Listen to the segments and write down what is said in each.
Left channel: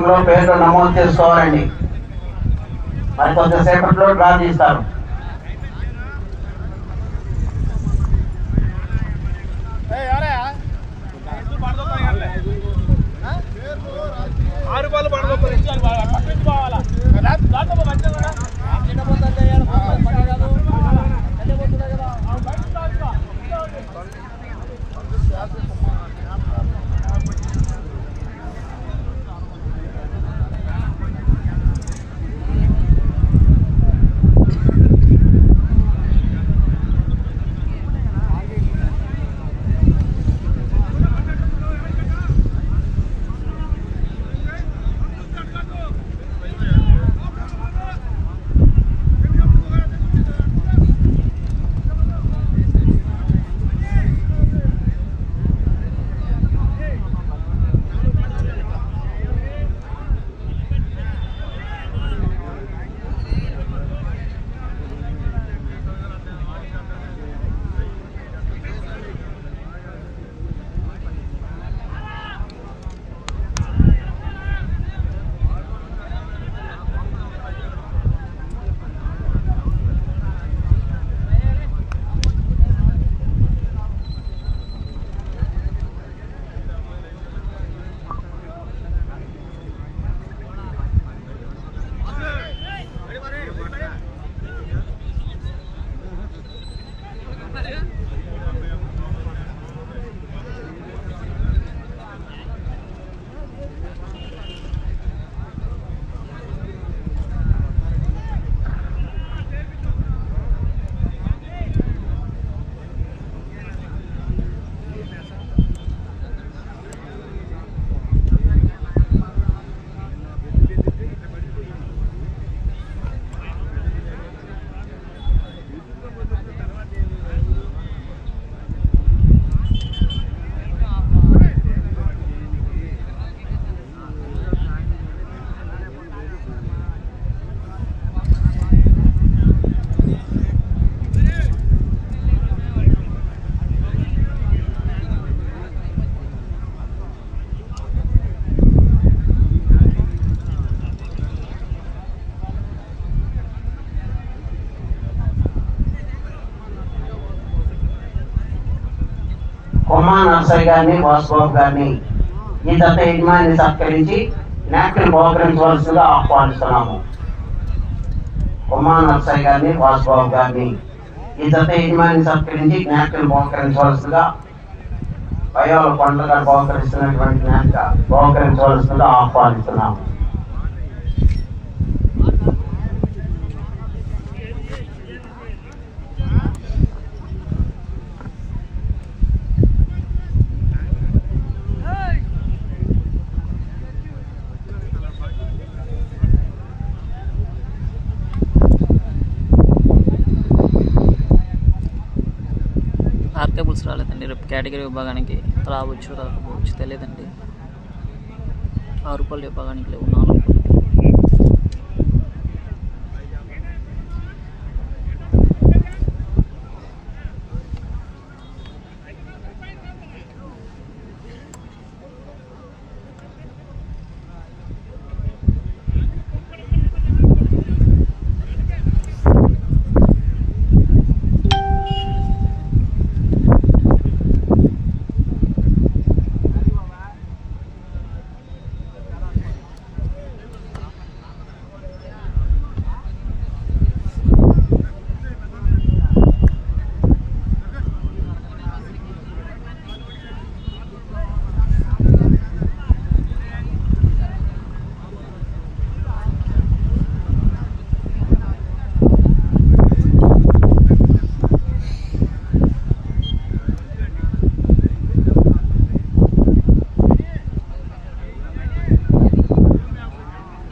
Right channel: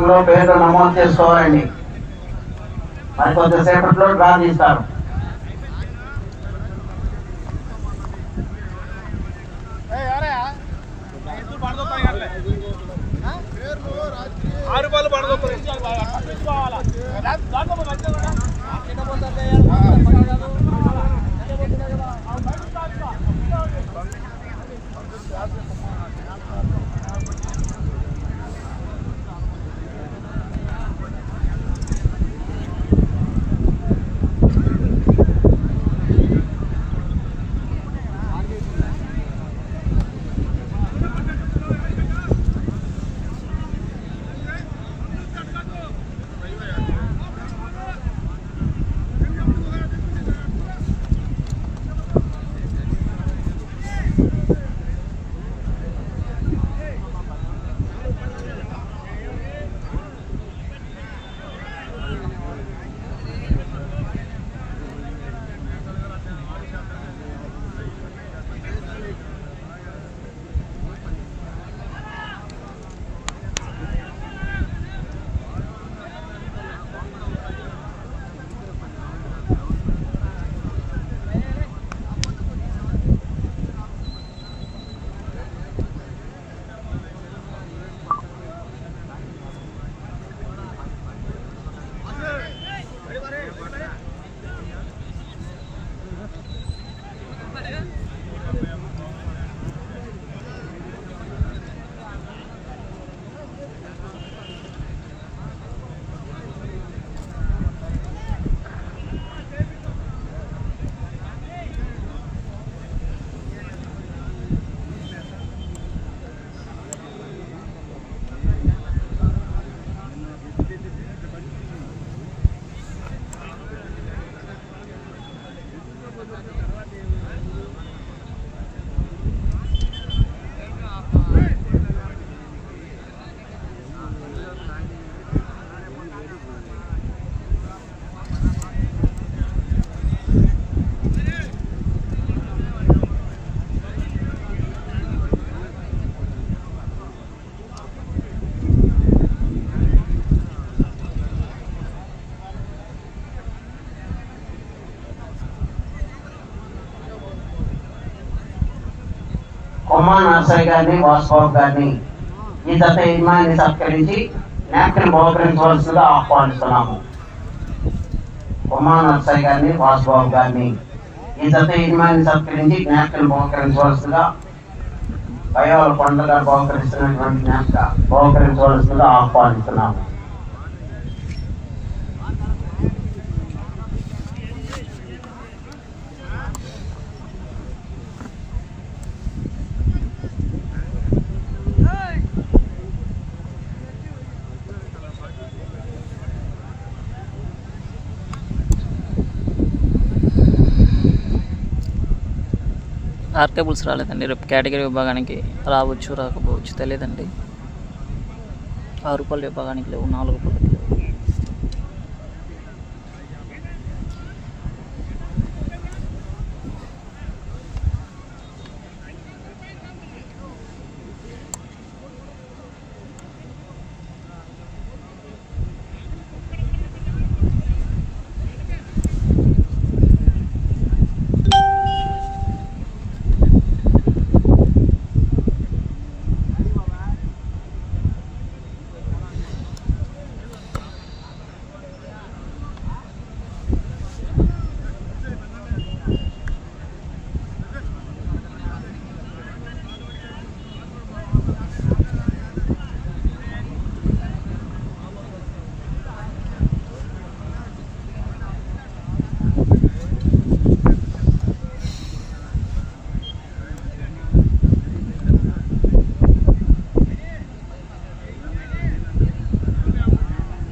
బ్యాంకులో విభాగంలో పేర్లు నమోదు చేసుకోవాలండి. మరి కొంతసేపట్లో డ్రా తీస్తారు ఆరు బాల్ పడగొట్టారు కొమ్మా నర్సరీ గారిని వాసుబాబు గారిని ఈ దత్త యజమాని సత్కరించి నాయకులు బహుకరించవలసిందిగా ఆహ్వానిస్తున్నాము. కొమ్మా నర్సరీ గారిని వాసుబాబు గారిని ఈ దత్త యజమాని సత్కరించి జ్ఞాపికలు బహుకరించవలసిందిగా పైవాళ్ళ కొండలు గారు బహుకరిస్తున్నటువంటి జ్ఞాపిక బహుకరించవలసిందిగా ఆహ్వానిస్తున్నాము. ఆర్కేబుల్స్ రాలేదండి. రేపు కేటగిరీ విభాగానికి రావచ్చు రాకపోవచ్చు తెలియదండి. ఆరు రూపాయల విభాగానికి లేవు నాలుగు రూపాయలకి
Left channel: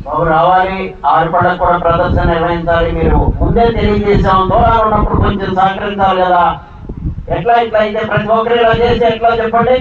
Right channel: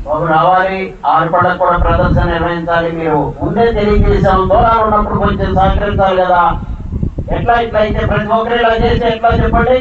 బాబు రావాలి కూడా ప్రదర్శన నిర్వహించాలి. మీరు ముందే తెలియజేసాం దూరాలు ఉన్నప్పుడు కొంచెం సహకరించాలి కదా. ఎట్లా ఇట్లా అయితే ప్రతి ఒక్కరు ఇలా చేసి ఎట్లా చెప్పండి?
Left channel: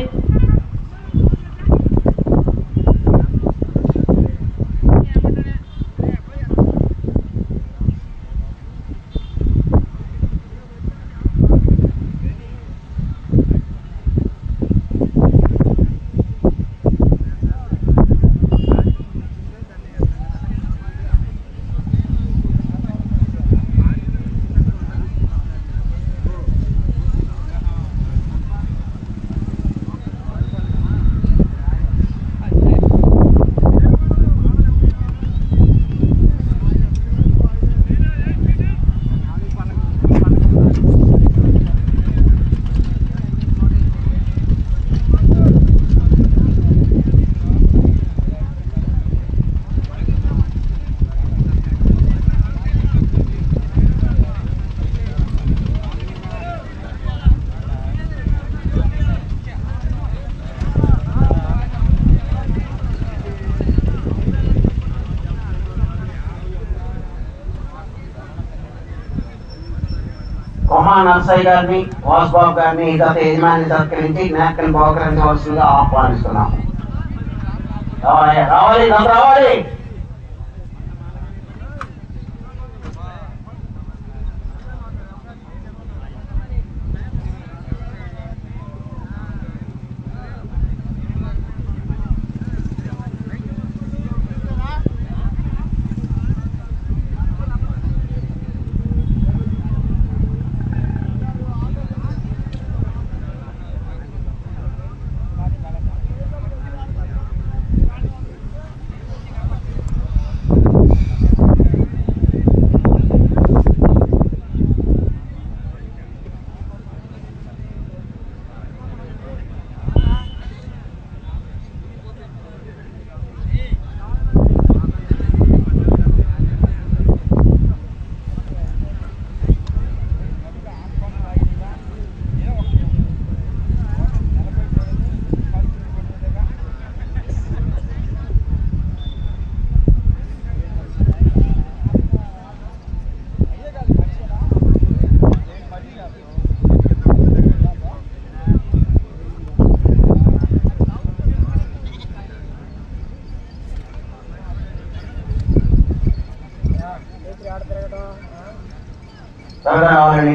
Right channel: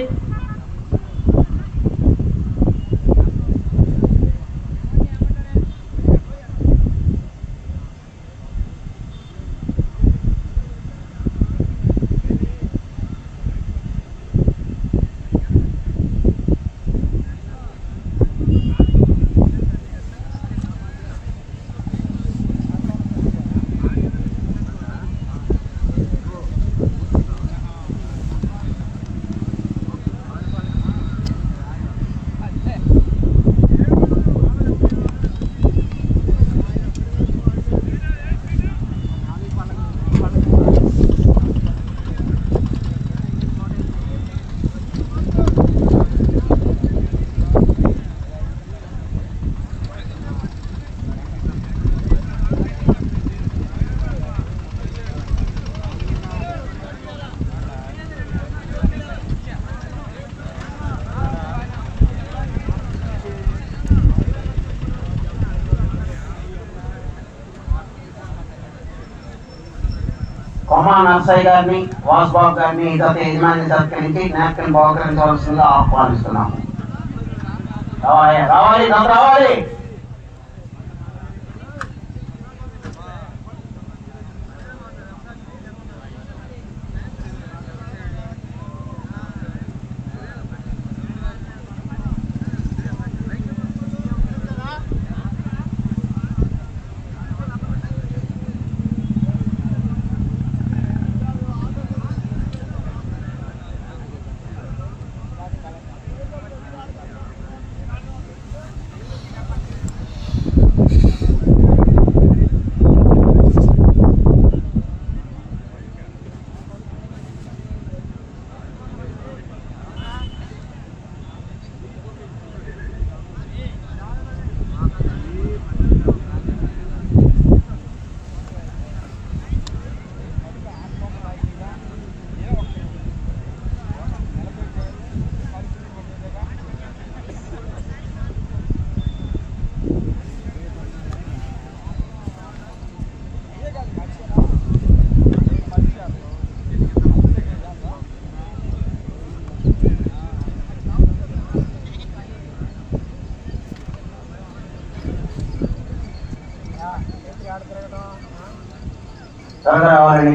కొమా నర్సయ్య గారిని వాసుబాబు గారిని గత యజమాని సత్కరించి జ్ఞాపకం బహుకరించవలసిందిగా ఆహ్వానిస్తున్నాం రావాలి రావాలి నాకు రావాలి!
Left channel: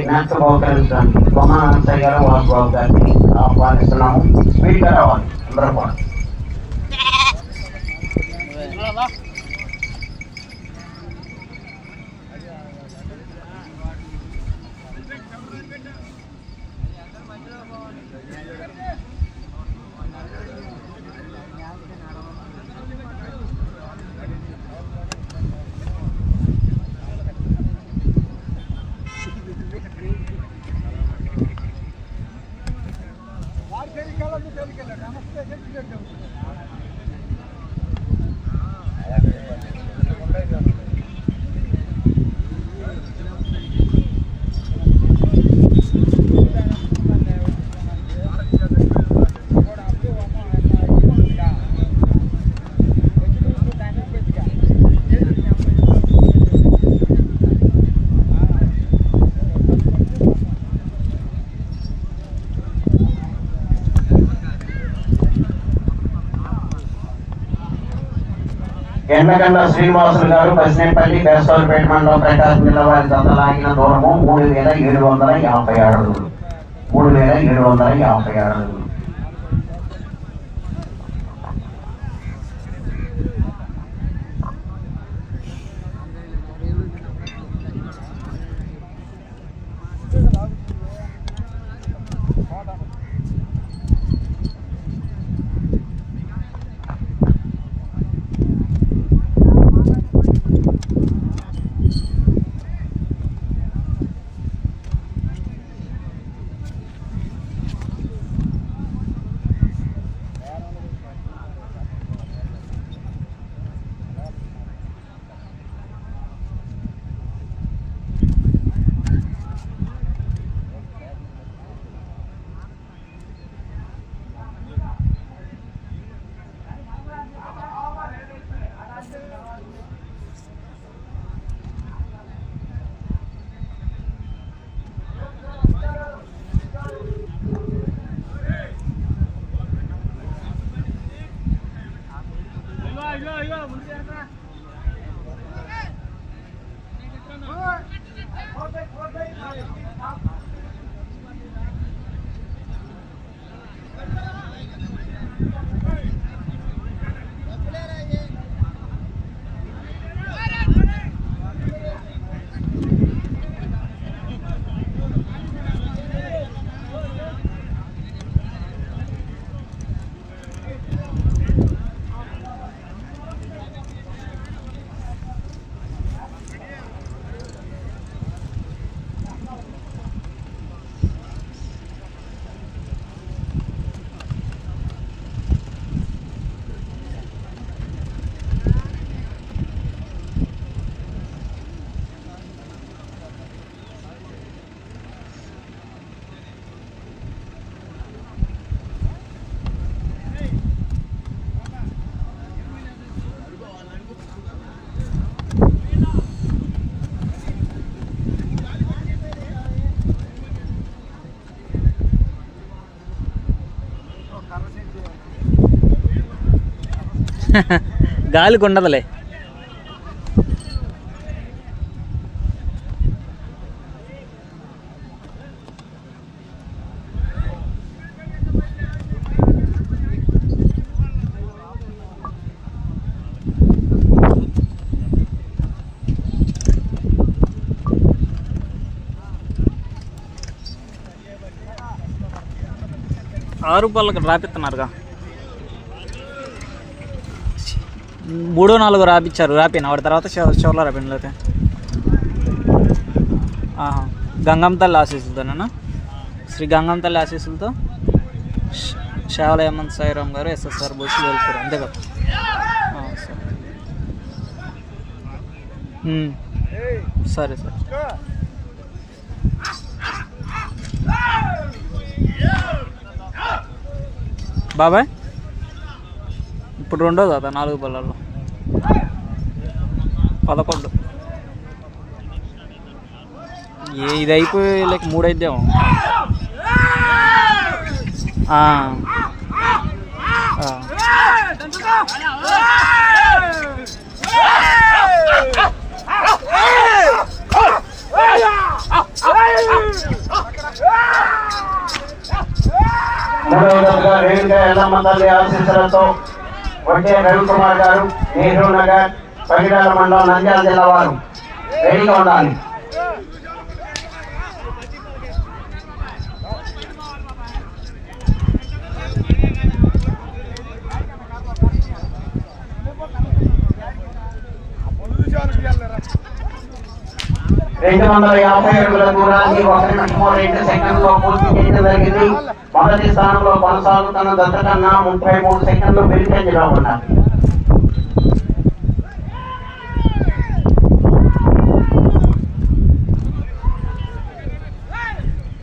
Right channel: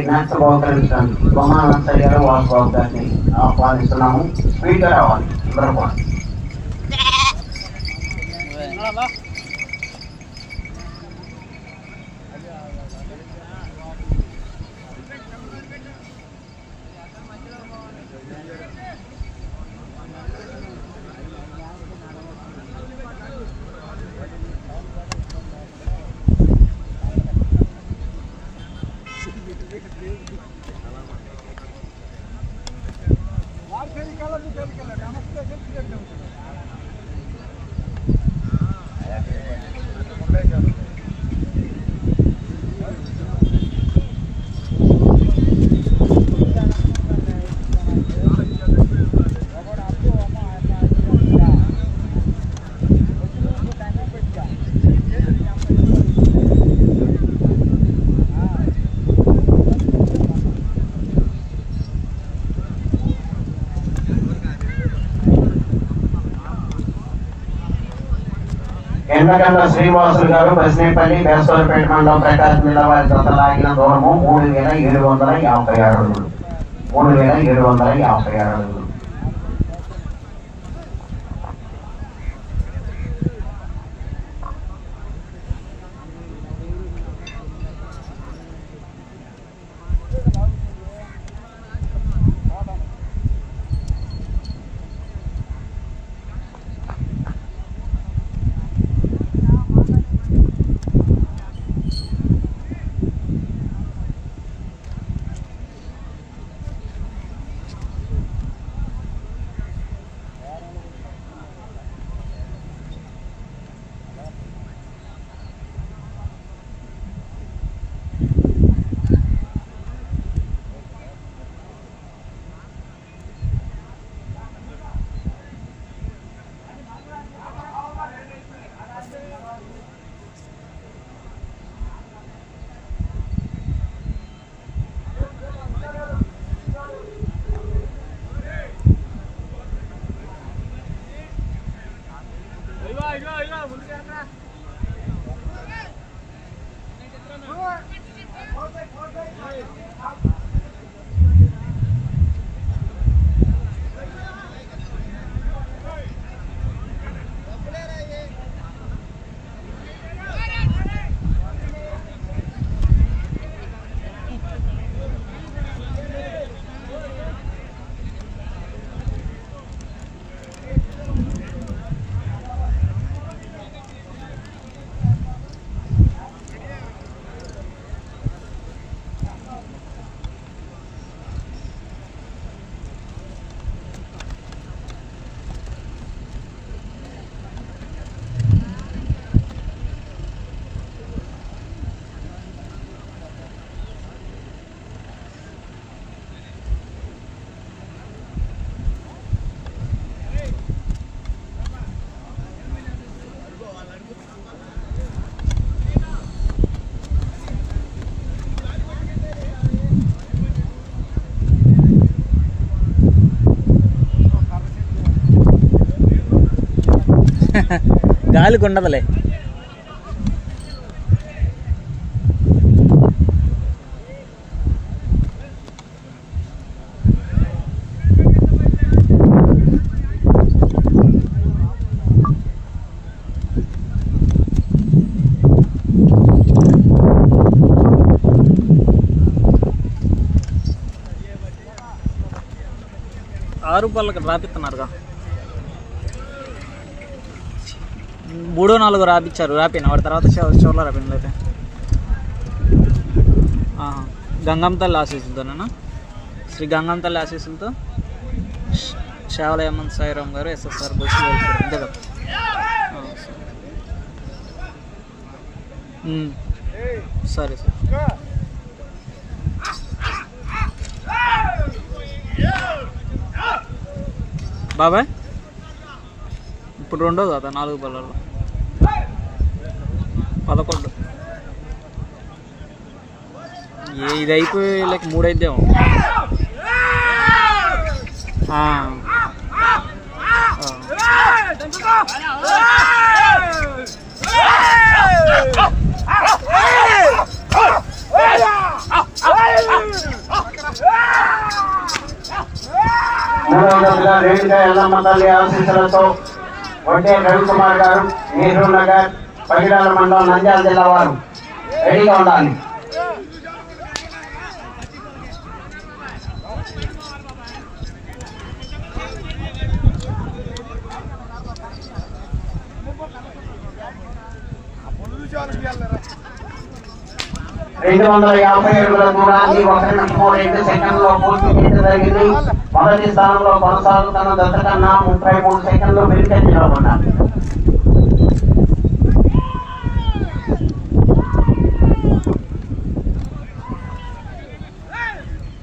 త్వరగా రావాలని జ్ఞాపకం బహుకరించడానికి కొమా నర్సయ్య గారు వాసుబాబు గారిని ఆహ్వానిస్తున్నాము. స్పీడ్గా రావాలి అందరూ కూడా. ఎందుకంటే శ్రీనివాసులు గారు పసినేపల్లి దేశపల్లి పెట్టమండలం ప్రకాశం జిల్లా వారి జత లాగిన దూరము మూడు వేల ఏడు వందల యాభై అడుగులు మూడు వేల ఏడు వందల యాభై అడుగులు Thank గాలికి ఉండదులే ఆరు పళ్ళకి రాపిస్తున్నారుగా మూడో నాలుగు రాపిచ్చారు రాపిన. వాడి తర్వాత చివరిలో షోలో రాపిన లేకపోతే ఆహా. గంగమ్మ తల్లి శ్రీ గంగమ్మ తల్లి ఆశీస్సులతో ష్- షావల హేమంత్ సాయిరామ్ గారు ఎస్ఎస్ఆర్ బస్సు వెళ్తారు. అంతే కదా? సరే. సార్ బాబాయ్? ఇప్పుడు రెండో కదా నాలుగు బళ్ళల్లో పదకొండు ఏ ఇది అయిపోయి లేక మూడు అయిద్దేమో ఆ. మూడవ తల్లి ఆశీస్సులతో వడ్డే రవికుమార్ గారు నెహ్రూ నగర్ పగిడాల మండలం నంద్యాల జిల్లా వారు రెడీగా ఉండాలి. రెండు వందల యాభై అడుగుల దూరాన్ని ఒక నిమిషము రెండు సెకండ్లో పూర్తి చేయడం జరిగింది. మొదటి స్థానంలో కొనసాగుతున్న దత్తకన్నా ముప్పై మూడు సెకండ్లు వెనుకంజలో ఉన్నారు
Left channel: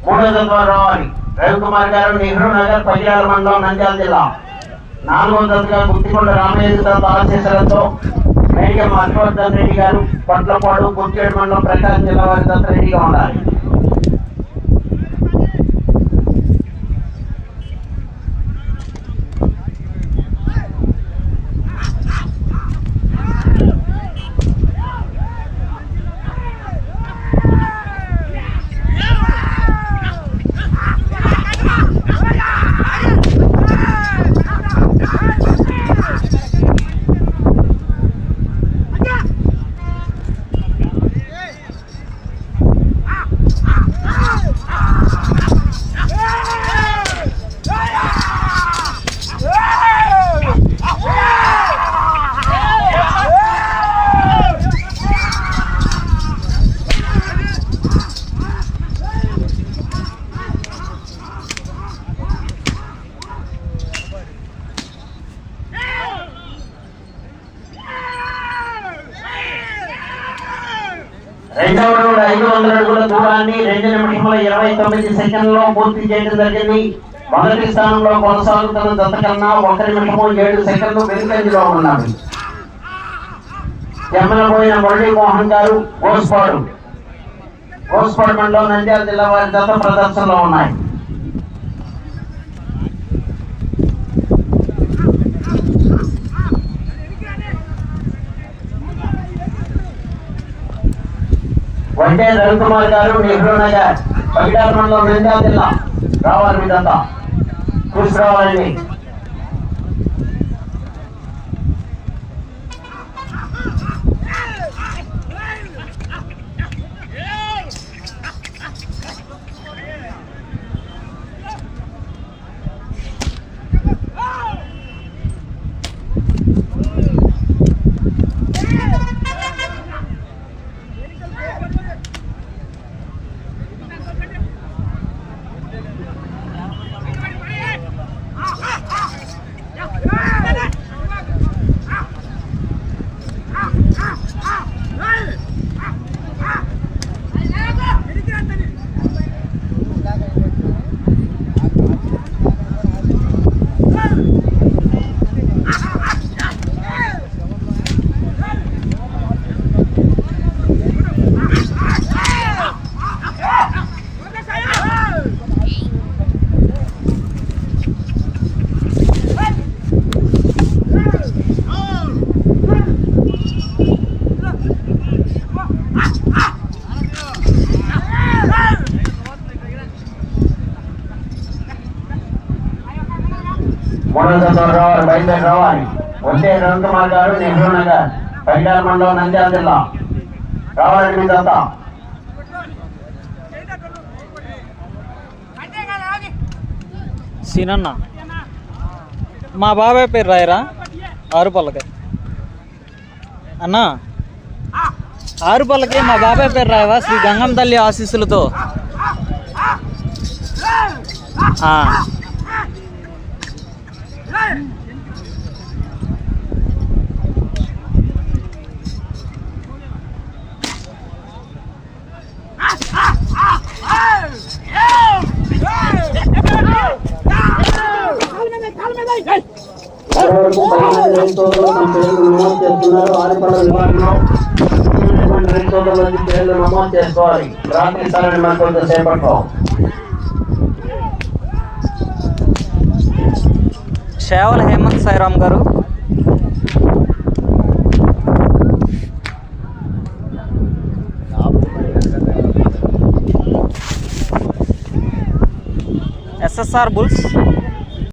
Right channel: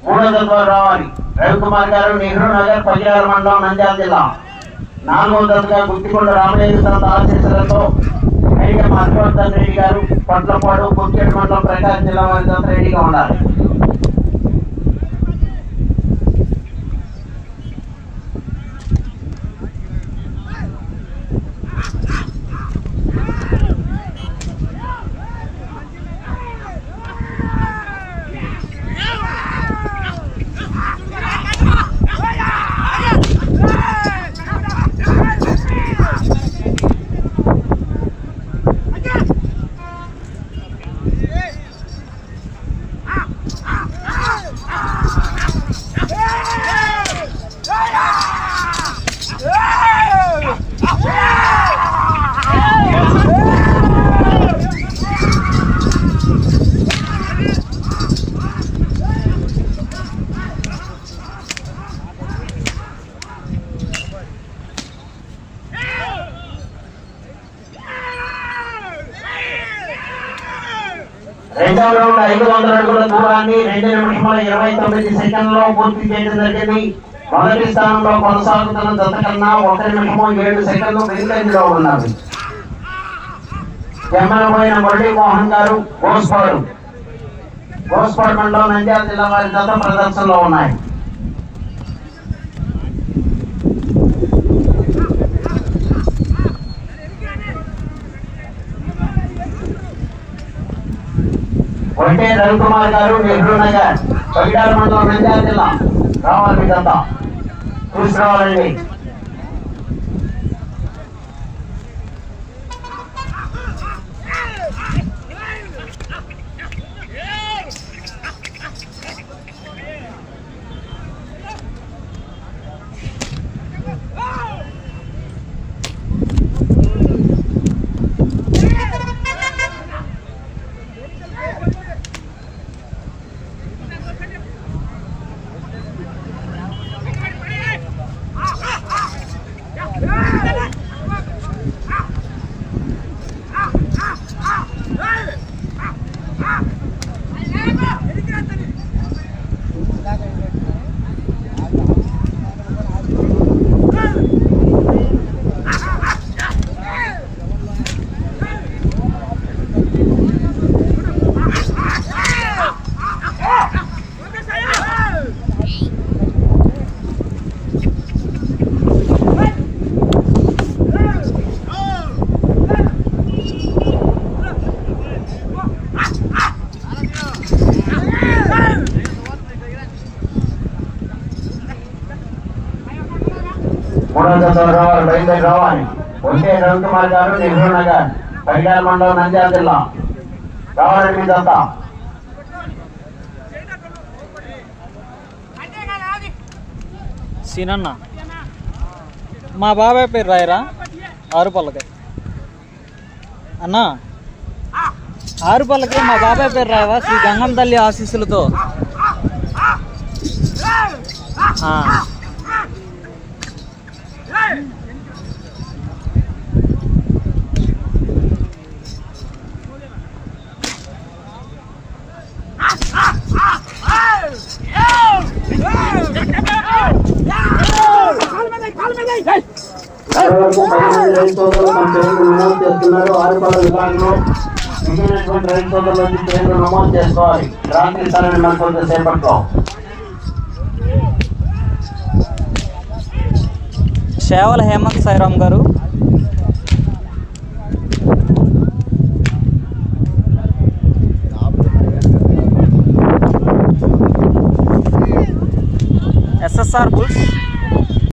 మూడో దశలో రావాలి రవికుమార్ గారు నెహ్రూ నగర్ పగిడాల మండలం నంద్యాల జిల్లా. నాలుగో దశగా గుత్తికొండ రామయ్య ఆశీస్సులతో మేఘం హర్షవర్ధన్ రెడ్డి గారు పట్లపాడు గుత్తికేడు మండలం ప్రకాశం జిల్లా వారి దశ రెడీగా ఉండాలి రెండవ రౌండ్ ఐదు వందల అడుగుల దూరాన్ని రెండు నిమిషముల ఇరవై తొమ్మిది సెకండ్లో పూర్తి చేయడం జరిగింది. మొదటి స్థానంలో కొనసాగుతున్న దశ కన్నా ఒక నిమిషము ఏడు సెకండ్లు వెనుకంజలో ఉన్నారు జమ్మలపోయిన మురళీ మోహన్ గారు గోస్పాడు గోస్పాడు మండలం నంద్యాల జిల్లా వారి దశ ప్రదర్శనలో ఉన్నాయి. వంటే రవికుమార్ గారు నెహ్రూ నగర్. పగిడాల మండలం నంద్యాల జిల్లా రావాలి మీదంతా చూసి రావాలండి మూడో జత రావాలి బయలుదేరి రావాలి వంటే రవికుమార్ గారు నెహ్రూ నగర్ పగిడాల మండలం నంద్యాల జిల్లా. రావాలండి మీదంతా సీనన్న. మా బాబాయ్ పేరు రాయరా? ఆరు పళ్ళకి అన్నా. ఆరు పళ్ళకి మా బాబాయ్ పేరు రాయరా? శ్రీ గంగం తల్లి ఆశీస్సులతో. చేసుకోవాలి ప్రార్థిస్తారని మరి కొంచెం సేపట్లో సేవల హేమంత్ సాయిరామ్ గారు. SSR bulls.